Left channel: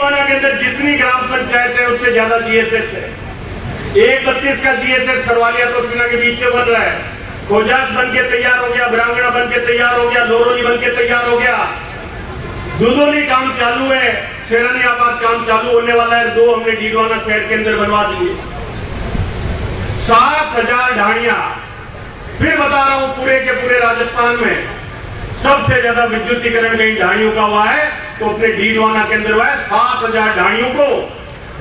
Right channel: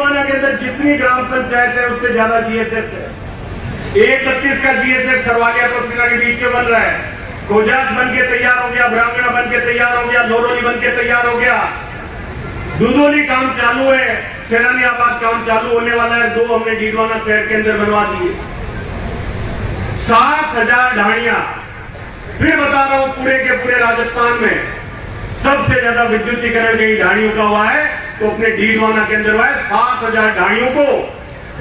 डीडवाना के अंदर जितनी ग्राम पंचायत है उससे ज्यादा जीएसएस है। 132 का जीएसएस करवा लिया तो सीना के बीच में बन रहा है। खोजास बन के तैयार हो गया, ब्राह्मणा बन के तैयार हो गया, लोरोली बन के तैयार हो गया, दुधोली काम चालू है, सेनानियाबाद काम चालू होने वाला है। 2 हमने डीडवाना शहर के अंदर बनवा दिए। 7,000 ढाणियां, फिर बता रहा हूं, पूरे के पूरे राजस्थान में सबसे ज्यादा विद्युतीकरण में ढाणियों का हुआ है तो अपने डीडवाना के अंदर हुआ है। 7,000 ढाणियों को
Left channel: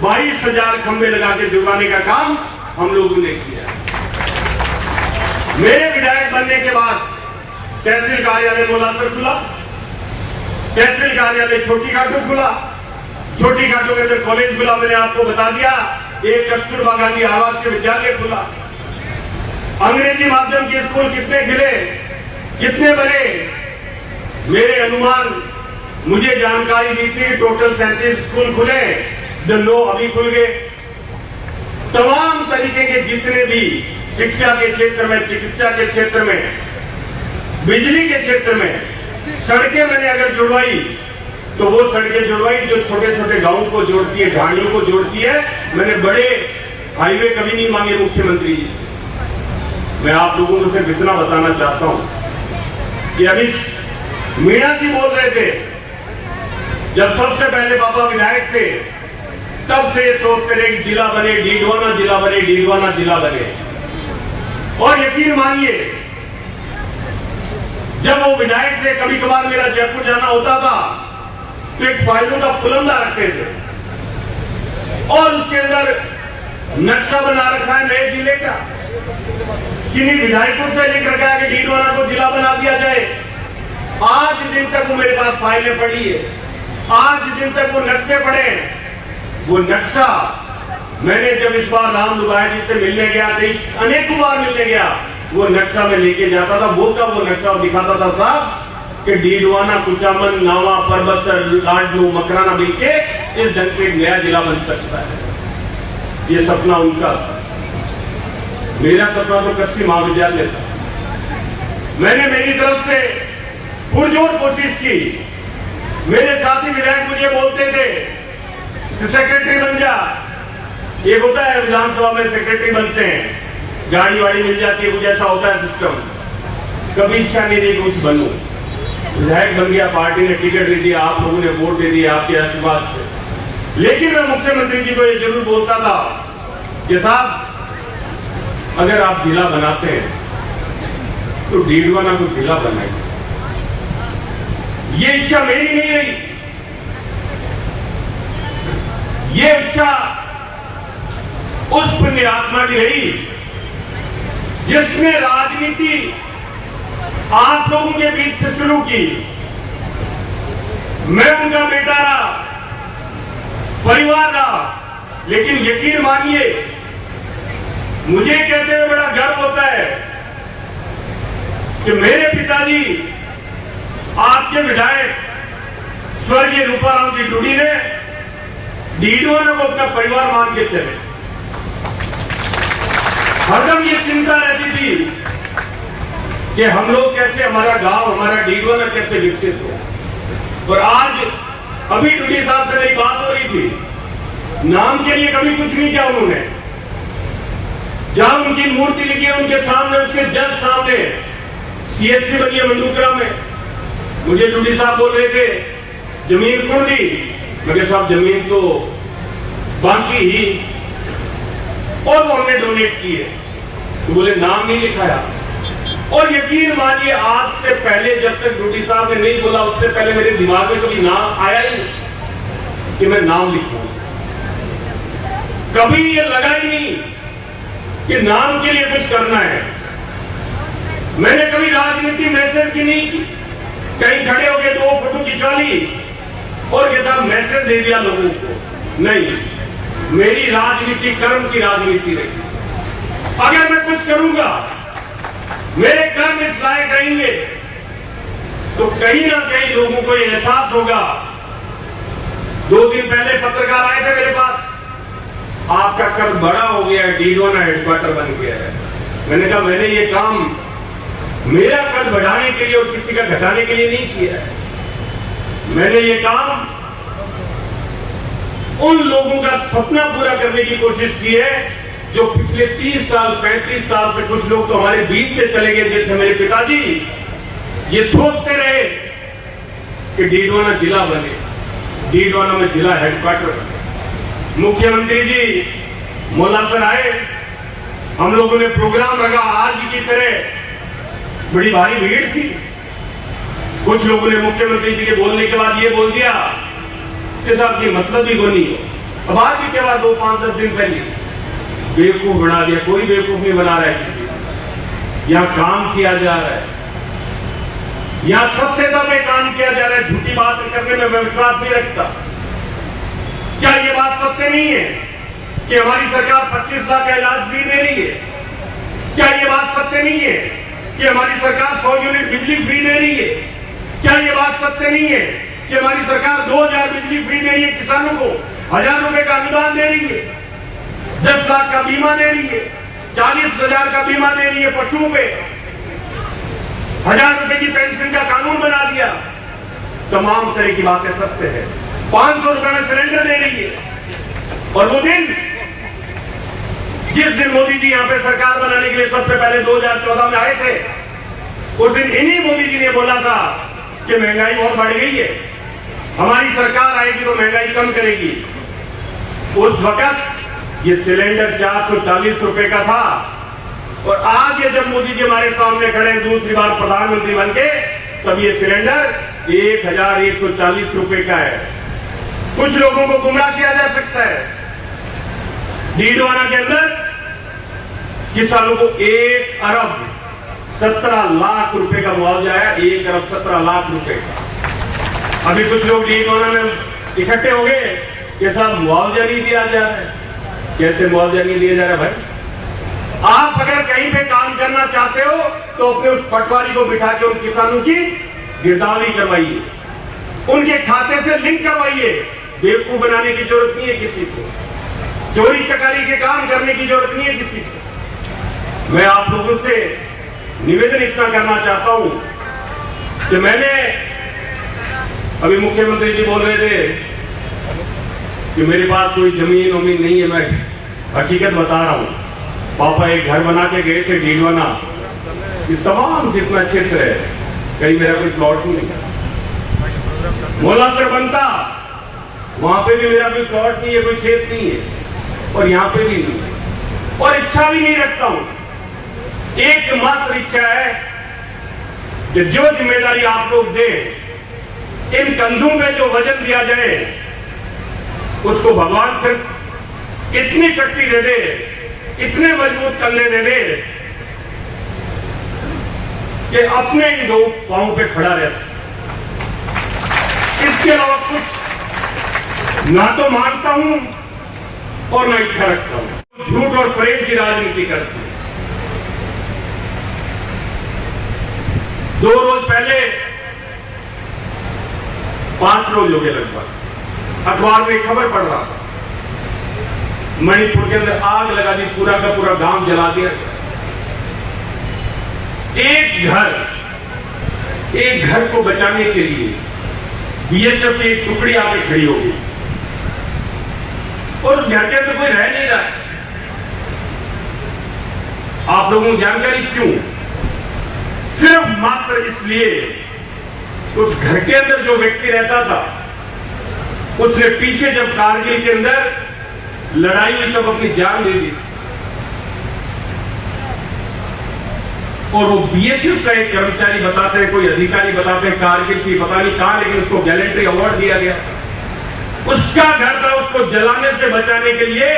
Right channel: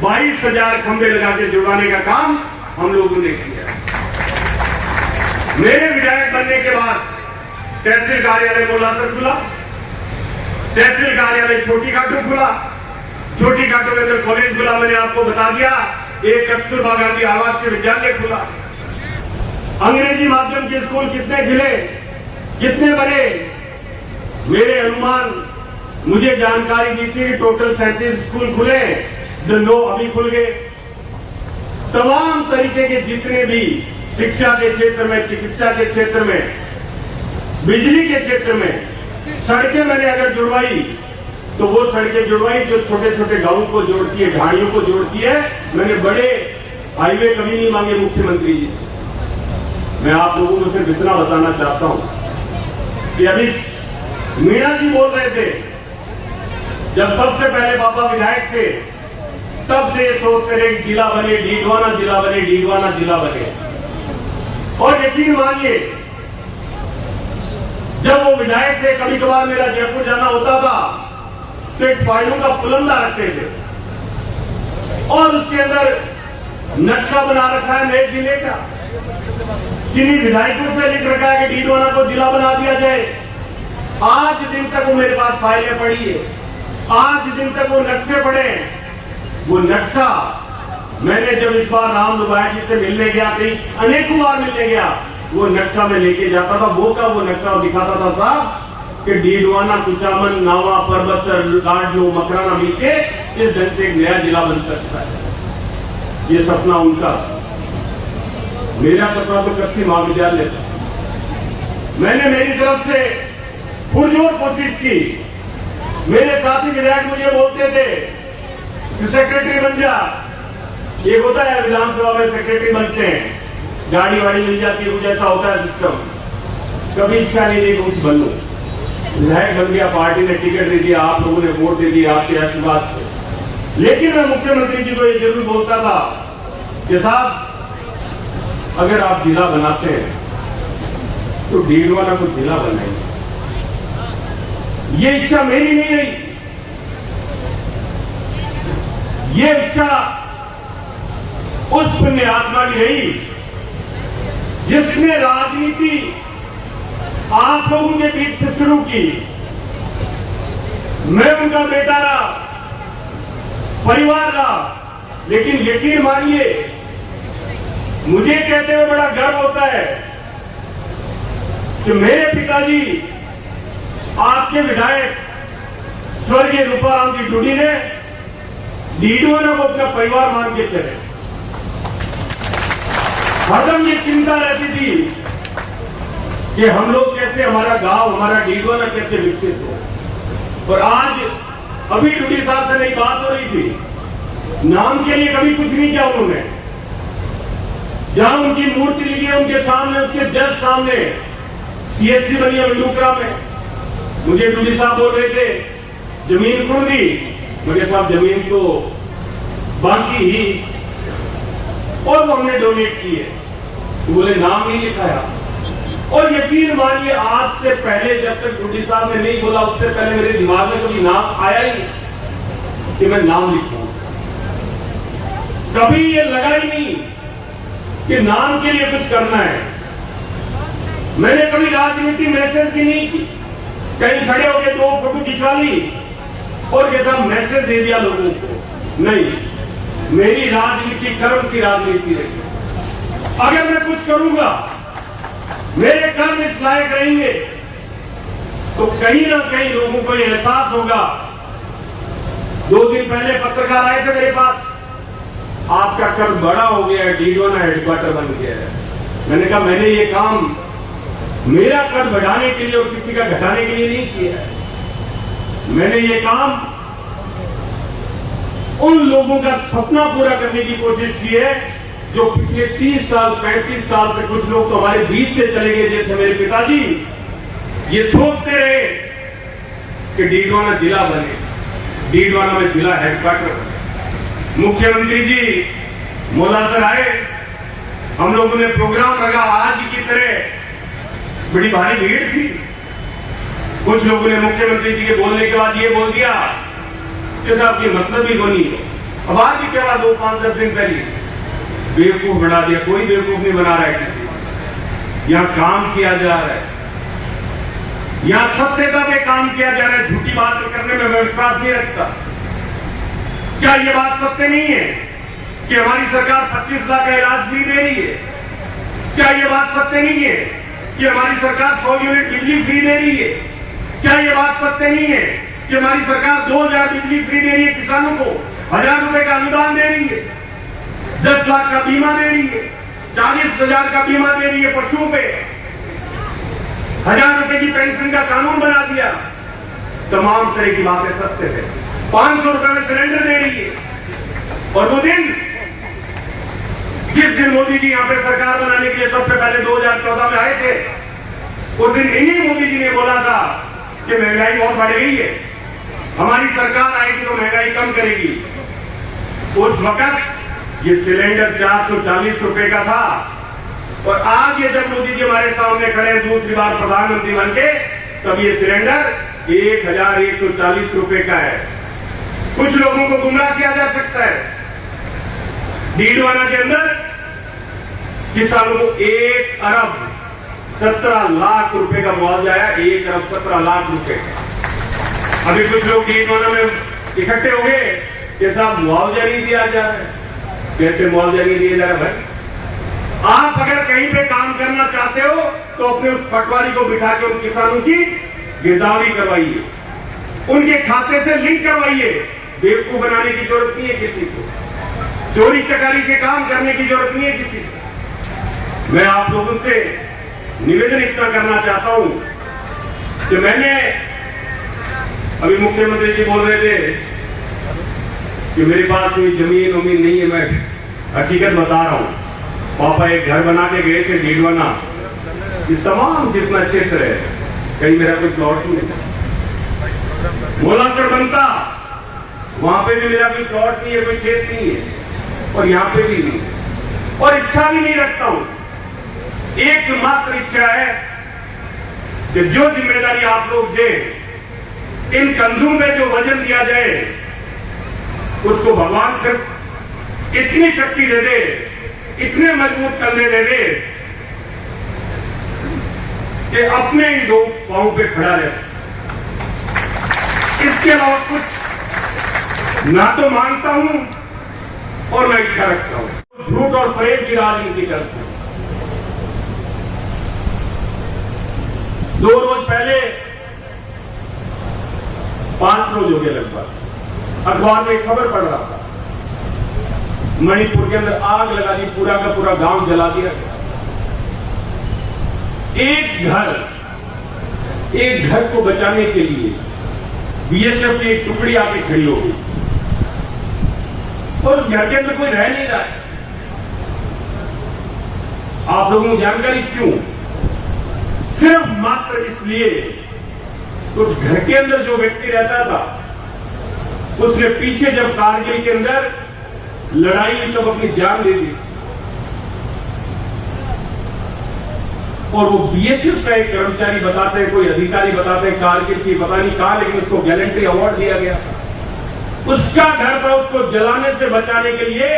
22,000 खंभे लगा के जुड़वाने का काम हम लोगों ने किया। मेरे विधायक बनने के बाद तहसील कार्यालय मोलासर खुला, तहसील कार्यालय छोटी घाटों खुला, छोटी घाटों के अंदर कॉलेज खुला, मैंने आपको बता दिया। एक कस्तूरबा गांधी आवासीय विद्यालय खुला, अंग्रेजी माध्यम के स्कूल कितने खिले, कितने बने। मेरे अनुमान, मुझे जानकारी दी थी कि टोटल 37 स्कूल खुले, जो 9 अभी खुल गए। तमाम तरीके के जितने भी शिक्षा के क्षेत्र में, चिकित्सा के क्षेत्र में, बिजली के क्षेत्र में सड़कें मैंने अगर जुड़वाई तो वो सड़कें जुड़वाई जो छोटे छोटे गांवों को जोड़ती है, ढाणियों को जोड़ती है। मैंने बड़े हाईवे कभी नहीं मांगे मुख्यमंत्री जी से। मैं आप लोगों को सिर्फ इतना बताना चाहता हूं कि अभी मीणा जी बोल रहे थे, जब सबसे पहले बाबा विधायक थे तब से ये सोचते रहे कि जिला बने, डीडवाना जिला बने, डीडवाना जिला बने। और यकीन मानिए, जब वो विधायक थे, कभी कभार मेरा जयपुर जाना होता था तो एक फाइलों का पुलंदा रखते थे और उसके अंदर नक्शा बना रखा है नए जिले का। किन्हीं विधायकों से लिख रखा है कि डीडवाना को जिला बना दिया जाए। आज दिन तक वो मेरे पास फाइलें पड़ी है, आज दिन तक वो नक्शे पड़े हैं। वो नक्शा मैंने जब इस बार राम लुबाया जी से मिलने गया, अनेकों बार मिलने गया, वो नक्शा में लेके जाता था। वो का वो नक्शा दिखाता था साहब कि डीडवाना, कुचामन, नावा, परबसर, लाडनू, मकराना मिलके इस ढंग से एक नया जिला बन सकता है। ये सपना उनका, मेरा सपना तो कृषि महाविद्यालय था। मैंने मेरी तरफ से पुरजोर कोशिश की। मेरे साथी विधायक मुझे बोलते थे कि सेक्रेटरी बन जा। ये होता है विधानसभा में, सेक्रेटरी बनते हैं, गाड़ी वाड़ी मिल जाती है, कुछ ऐसा होता है सिस्टम। कभी इच्छा नहीं रही कुछ बनूं, विधायक बन गया, पार्टी ने टिकट दे दिया, आप लोगों ने वोट दे दिया आपके आशीर्वाद से। लेकिन मैं मुख्यमंत्री जी को ये जरूर बोलता था कि साहब, अगर आप जिला बनाते हैं तो डीडवाना को जिला बनाइए। ये इच्छा मेरी नहीं रही, ये इच्छा उस पुण्यात्मा की रही जिसने राजनीति आप लोगों के बीच से शुरू की। मैं उनका बेटा रहा, परिवार रहा, लेकिन यकीन मानिए, मुझे कहते हुए बड़ा गर्व होता है कि मेरे पिताजी, आपके विधायक स्वर्गीय रूपाराम जी डूडी ने डीडवाना को अपना परिवार मान के चले। हरदम ये चिंता रहती थी कि हम लोग कैसे, हमारा गांव, हमारा डीडवाना कैसे विकसित हो। और आज अभी डूडी साहब से मेरी बात हो रही थी, नाम के लिए कभी कुछ नहीं किया उन्होंने। जहां उनकी मूर्ति लिखी है उनके सामने, उसके जस्ट सामने सीएचसी बनी है मंडूकरा में। मुझे डूडी साहब बोल रहे थे जमीन कौन दी, मगर साहब जमीन तो बाकी ही, और वो हमने डोनेट की है। तो बोले नाम नहीं लिखाया। और यकीन मानिए, आज से पहले जब तक डूडी साहब ने नहीं बोला, उससे पहले मेरे दिमाग में कभी नाम आया ही नहीं कि मैं नाम लिखूं। कभी ये लगा ही नहीं कि नाम के लिए कुछ करना है। मैंने कभी राजनीति मैसेज की नहीं की, कहीं खड़े होकर 2 फोटो खिंचवा ली और ये सब मैसेज दे दिया लोगों को। नहीं, मेरी राजनीति कर्म की राजनीति रही। अगर मैं कुछ करूंगा, मेरे कर्म इस लायक रहेंगे, तो कहीं ना कहीं लोगों को यह एहसास होगा। 2 दिन पहले पत्रकार आए थे मेरे पास, आपका कर्म बड़ा हो गया है, डीडवाना हेडक्वार्टर बन गया है। मैंने कहा मैंने ये काम मेरा कद बढ़ाने के लिए और किसी का घटाने के लिए नहीं किया है। मैंने ये काम उन लोगों का सपना पूरा करने की कोशिश की है जो पिछले 30 साल 35 साल से कुछ लोग तो हमारे बीच से चले गए, जैसे मेरे पिताजी ये सोचते रहे कि डीडवाना जिला बने, डीडवाना में जिला हेडक्वार्टर। मुख्यमंत्री जी मोलासर आए, हम लोगों ने प्रोग्राम रखा, आज की तरह बड़ी भारी भीड़ थी। कुछ लोगों ने मुख्यमंत्री जी के बोलने के बाद ये बोल दिया कि साहब ये मतलब ही बनी हो। अब आज भी क्या 2-5-10 दिन पहले बेवकूफ बना दिया। कोई बेवकूफ नहीं बना रहा है किसी, यहां काम किया जा रहा है, यहां सत्यता में काम किया जा रहा है। झूठी बात करने में मैं विश्वास नहीं रखता। क्या ये बात सत्य नहीं है कि हमारी सरकार 25 लाख का इलाज भी दे रही है? क्या ये बात सत्य नहीं है कि हमारी सरकार 100 यूनिट बिजली फ्री दे रही है? क्या ये बात सत्य नहीं है कि हमारी सरकार 2000 बिजली फ्री दे रही है, किसानों को 1000 रुपए का अनुदान दे रही है, 10 लाख का बीमा दे रही है, 40,000 का बीमा दे रही है पशुओं पे, 1000 रुपए की पेंशन का कानून बना दिया। तमाम तरह की बातें सत्य है। 500 रुपए में सिलेंडर दे रही है। और वो दिन जिस दिन मोदी जी यहां पे सरकार बनाने के लिए सबसे पहले 2014 में आए थे, उस दिन इन्हीं मोदी जी ने बोला था कि महंगाई बहुत बढ़ गई है, हमारी सरकार आएगी तो महंगाई कम करेगी। उस वक्त ये सिलेंडर 440 रुपए का था और आज ये जब मोदी जी हमारे सामने खड़े हैं दूसरी बार प्रधानमंत्री बन के, तब ये सिलेंडर 1140 रुपए का है। कुछ लोगों को गुमराह किया जा सकता है। डीडवाना के अंदर किसानों को 1 अरब 17 लाख रुपए का मुआवजा आया, 1 अरब 17 लाख रुपए का। अभी कुछ लोग डीडवाना में इकट्ठे हो गए कि साहब मुआवजा नहीं दिया जा रहा है। कैसे मुआवजा नहीं दिया जा रहा भाई? आप अगर कहीं पे काम करना चाहते हो तो अपने उस पटवारी को बिठा के उन किसानों की गिरदावरी करवाइए, उनके खाते से लिंक करवाइए। बेवकूफ बनाने की जरूरत नहीं है किसी को, चोरी चकारी के काम करने की जरूरत नहीं है किसी को। मैं आप लोगों से निवेदन इतना करना चाहता हूं कि मैंने अभी मुख्यमंत्री जी बोल रहे थे कि मेरे पास कोई जमीन वमीन नहीं है। मैं हकीकत बता रहा हूं। पापा एक घर बना के गए थे डीडवाना, ये तमाम जितना क्षेत्र है, कहीं मेरा कोई प्लॉट नहीं। मोलासर बनता, वहां पे भी मेरा कोई प्लॉट नहीं है, कोई खेत नहीं है, और यहां पे भी नहीं है, और इच्छा भी नहीं रखता हूं। एकमात्र इच्छा है कि जो जिम्मेदारी आप लोग दें, इन कंधों पे जो वजन दिया जाए, उसको भगवान सिर्फ इतनी शक्ति दे दे, इतने मजबूत कंधे दे दे कि अपने ही दो पांव पे खड़ा रह सके। इसके अलावा कुछ ना तो मानता हूं और मैं इच्छा रखता हूं। झूठ और फरेब की राजनीति करते हैं। 2 रोज पहले 5 रोज हो गए लगभग, अखबार में खबर पढ़ रहा था, मणिपुर के अंदर आग लगा दी, पूरा का पूरा गांव जला दिया। एक घर को बचाने के लिए बीएसएफ की एक टुकड़ी आके खड़ी हो गई और उस घर के अंदर कोई रह नहीं रहा है। आप लोगों को जानकारी क्यों? सिर्फ मात्र इसलिए उस घर के अंदर जो व्यक्ति रहता था, उसने पीछे जब कारगिल के अंदर लड़ाई हुई तब अपनी जान दे दी। और वो बीएसएफ का एक कर्मचारी बताते हैं, कोई अधिकारी बताते हैं कारगिल की, पता नहीं कहां, लेकिन उसको गैलेंट्री अवार्ड दिया गया। उसका घर था, उसको जलाने से बचाने के लिए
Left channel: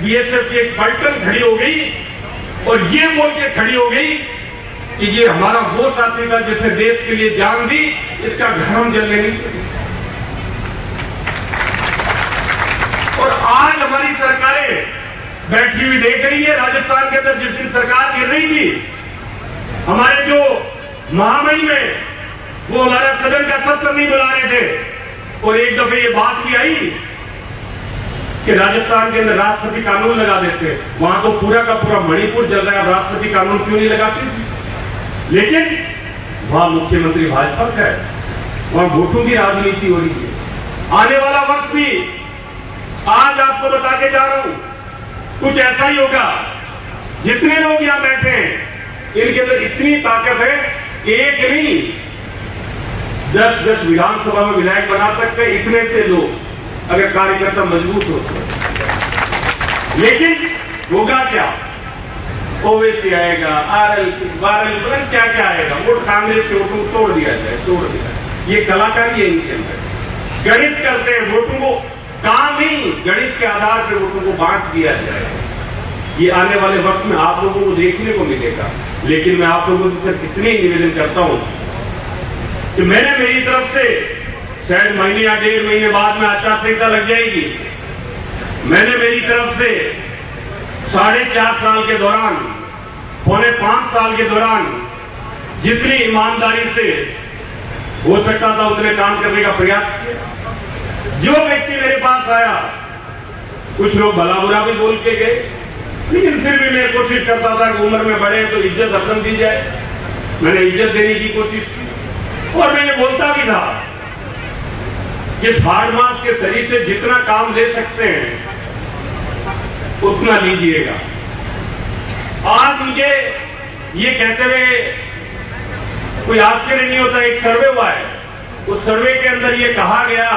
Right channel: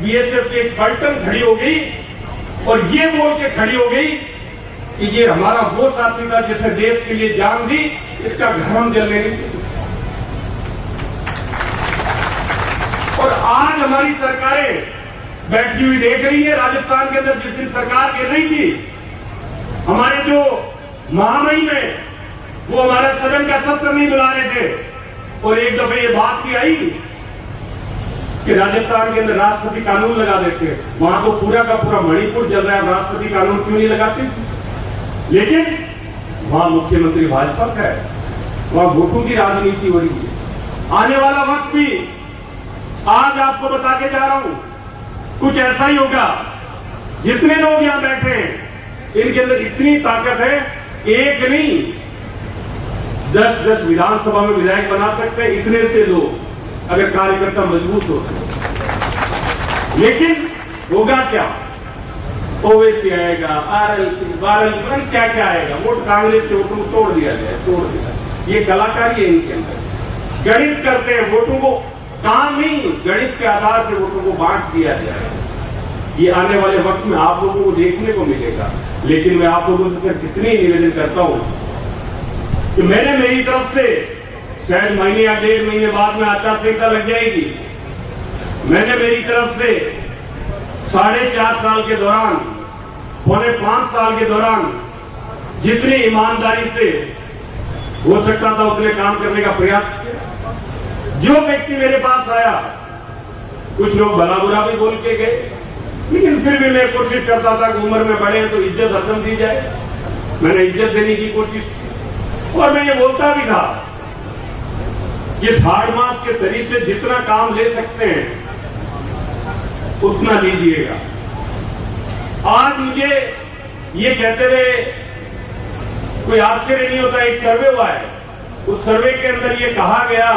बीएसएफ की एक पलटन खड़ी हो गई और ये बोल के खड़ी हो गई कि ये हमारा वो साथी था जिसने देश के लिए जान दी, इसका घर हम जलने नहीं देंगे। और आज हमारी सरकारें बैठी हुई देख रही है। राजस्थान के अंदर जिस दिन सरकार गिर रही थी, हमारे जो महामहिम में वो हमारा सदन का सत्र नहीं बुला रहे थे और एक दफे ये बात भी आई कि राजस्थान के अंदर राष्ट्रपति कानून लगा देते। वहां तो पूरा का पूरा मणिपुर जल रहा है, राष्ट्रपति कानून क्यों नहीं लगाते? लेकिन वहां मुख्यमंत्री भाजपा का है, वहां वोटों की राजनीति हो रही है। आने वाला वक्त भी आज आपको बता के जा रहा हूं, कुछ ऐसा ही होगा। जितने लोग यहां बैठे हैं इनके अंदर इतनी ताकत है, एक नहीं 10-10 विधानसभा में विधायक बना सकते हैं, इतने से लोग अगर कार्यकर्ता मजबूत हो। लेकिन होगा क्या? ओवैसी आएगा, आरएलसी, बारएलसी, क्या क्या आएगा, वोट कांग्रेस के वोटों को तोड़ दिया जाए। ये कलाकारी है इनके अंदर। गणित करते हैं वोटों को, काम ही गणित के आधार पर वोटों को बांट दिया जाए। ये आने वाले वक्त में आप लोगों को देखने को मिलेगा। लेकिन मैं आप लोगों से सिर्फ इतनी निवेदन करता हूं कि मैंने मेरी तरफ से, शायद महीने या 1.5 महीने बाद में आचार संहिता लग जाएगी, मैंने मेरी तरफ से 4.5 साल के दौरान, 4.5 साल के दौरान जितनी ईमानदारी से हो सकता था उतने काम करने का प्रयास किया। जो व्यक्ति मेरे पास आया, कुछ लोग भला बुरा भी बोल के गए, लेकिन फिर भी मैं कोशिश करता था कि उम्र में बढ़े तो इज्जत हरदम दी जाए। मैंने इज्जत देने की कोशिश की और मैंने बोलता भी था कि हाड़ मास के शरीर से जितना काम ले सकते हैं उतना लीजिएगा। आज मुझे ये कहते हुए कोई आश्चर्य नहीं होता। एक सर्वे हुआ है, उस सर्वे के अंदर ये कहा गया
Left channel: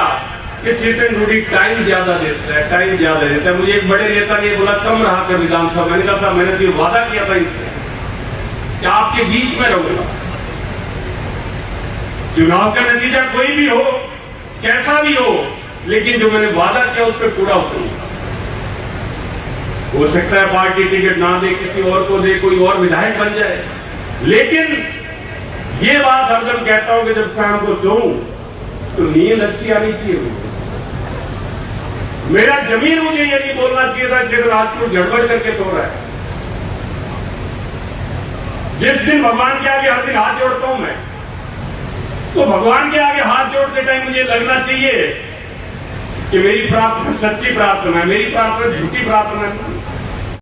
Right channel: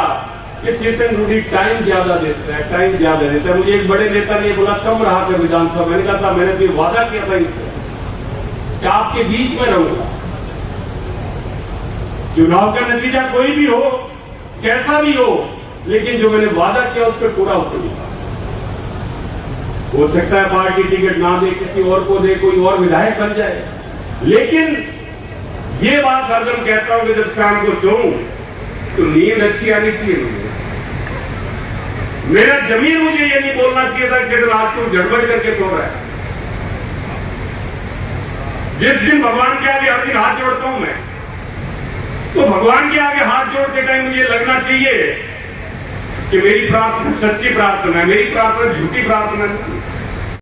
कि चेतन रूडी टाइम ज्यादा देता है, टाइम ज्यादा देता है। मुझे एक बड़े नेता ने बोला कम रहा कर विधानसभा। मैंने कहा था मैंने तो वादा किया था इससे कि आपके बीच में रहूंगा। चुनाव का नतीजा कोई भी हो, कैसा भी हो, लेकिन जो मैंने वादा किया उस पर पूरा उतरूंगा। हो सकता है पार्टी टिकट ना दे, किसी और को दे, कोई और विधायक बन जाए, लेकिन ये बात हरदम कहता हूं कि जब शाम को सोऊं तो नींद अच्छी आनी चाहिए मुझे। मेरा जमीन मुझे ये नहीं बोलना चाहिए था कि रात को गड़बड़ करके सो रहा है। जिस दिन भगवान के आगे हर दिन हाथ जोड़ता हूं मैं, तो भगवान के आगे हाथ जोड़ते टाइम मुझे लगना चाहिए कि मेरी प्रार्थना सच्ची प्रार्थना है, मेरी प्रार्थना झूठी प्रार्थना नहीं।